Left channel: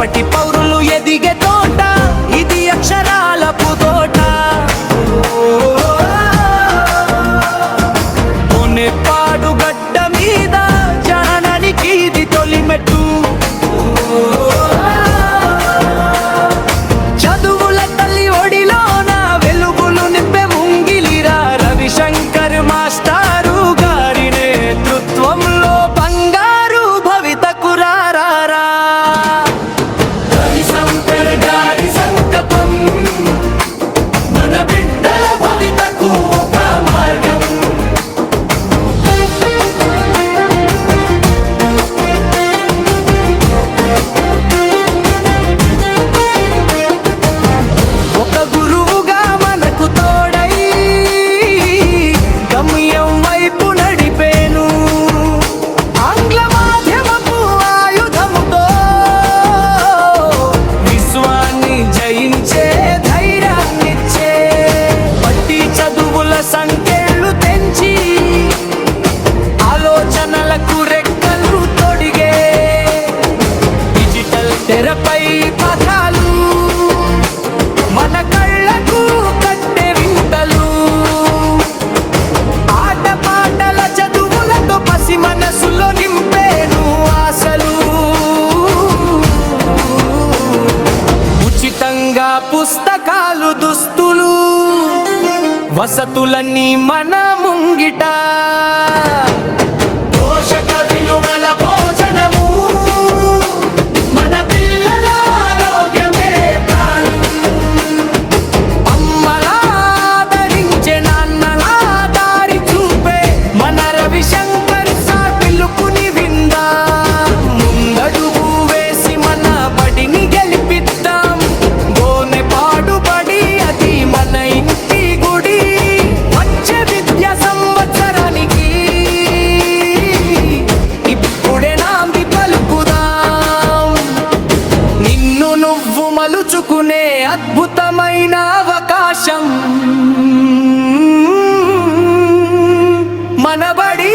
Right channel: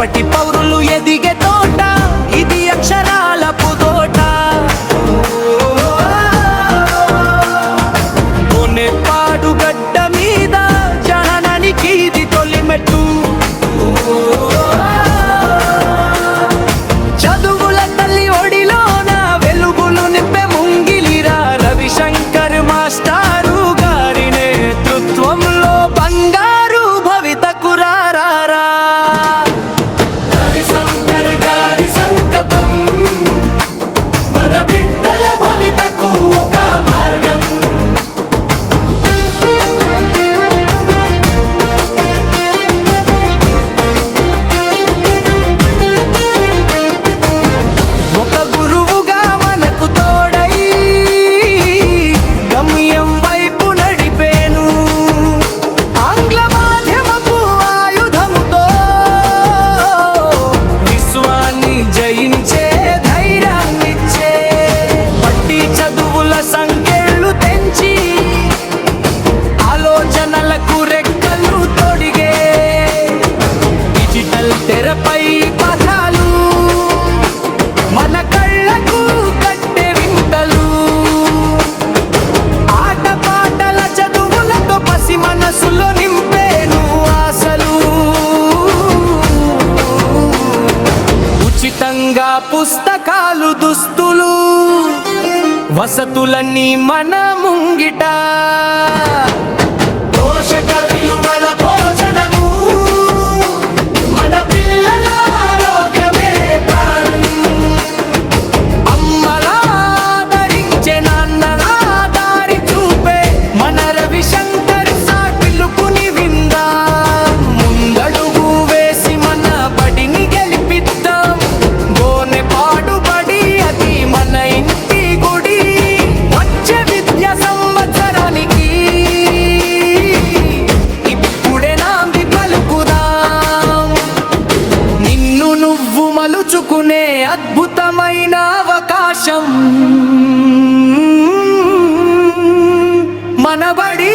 రేపటి పౌరులు ఎదిగే తోట ఇది అక్షరాల పుదోట. పాడు గడ్డ మీద జననానికి ఇది తొలిమెట్టు. చదువుల తల్లి ఒడిలోన వెలుగులు నింపే ముంగిలిరా రవిశంకర్ మాస్టారు గారి నేతృత్వంలో బంగారు భవితకు రారా. రవిశంకర్ గారి సంకల్పం మన బిడ్డల భవితకు ఒక మార్గం. ఒక గురువుగా మనకు తోడై గమ్యం వైపు నడిపేను. ఆంగ్ల మాధ్యమపు ఆయుధముతో విశ్వాన్ని జయించే ధైర్యాన్నిచ్చే బట్టి చదువుల సంకెళ్ళు తెంచి ఆలోచనలకు రెక్కలు తొడిగే డిజిటల్ తెరపై పదాలు మన కళ్ళకు కట్టే వింతలు. ఆట పాటల చదువులతో పసి మనసులో నింపేను ఆశలు. ఉచితంగా పుస్తకాలు దుస్తులు వసతులన్నీ మన ముంగిట. పోషక విలువల భోజనము మన పిల్లల ఆరోగ్యమే ప్రాణం. అమ్మలాదరించే నాన్నలా దారి చూపే మన రవిశంకర్ సార్ పిలుపుని విందాం. ముందడుగు వేసి మన బడిని గెలిపిద్దాం. గోనె పాడుబడి అది మన ఇంటి గుడి. వచ్చే విద్యా సంవత్సరానికి ఇప్పుడే నాంది పలుకుదాం. నిన్ను నువ్వు మలుచుకునే అద్భుతమైన అవకాశం మనబడి.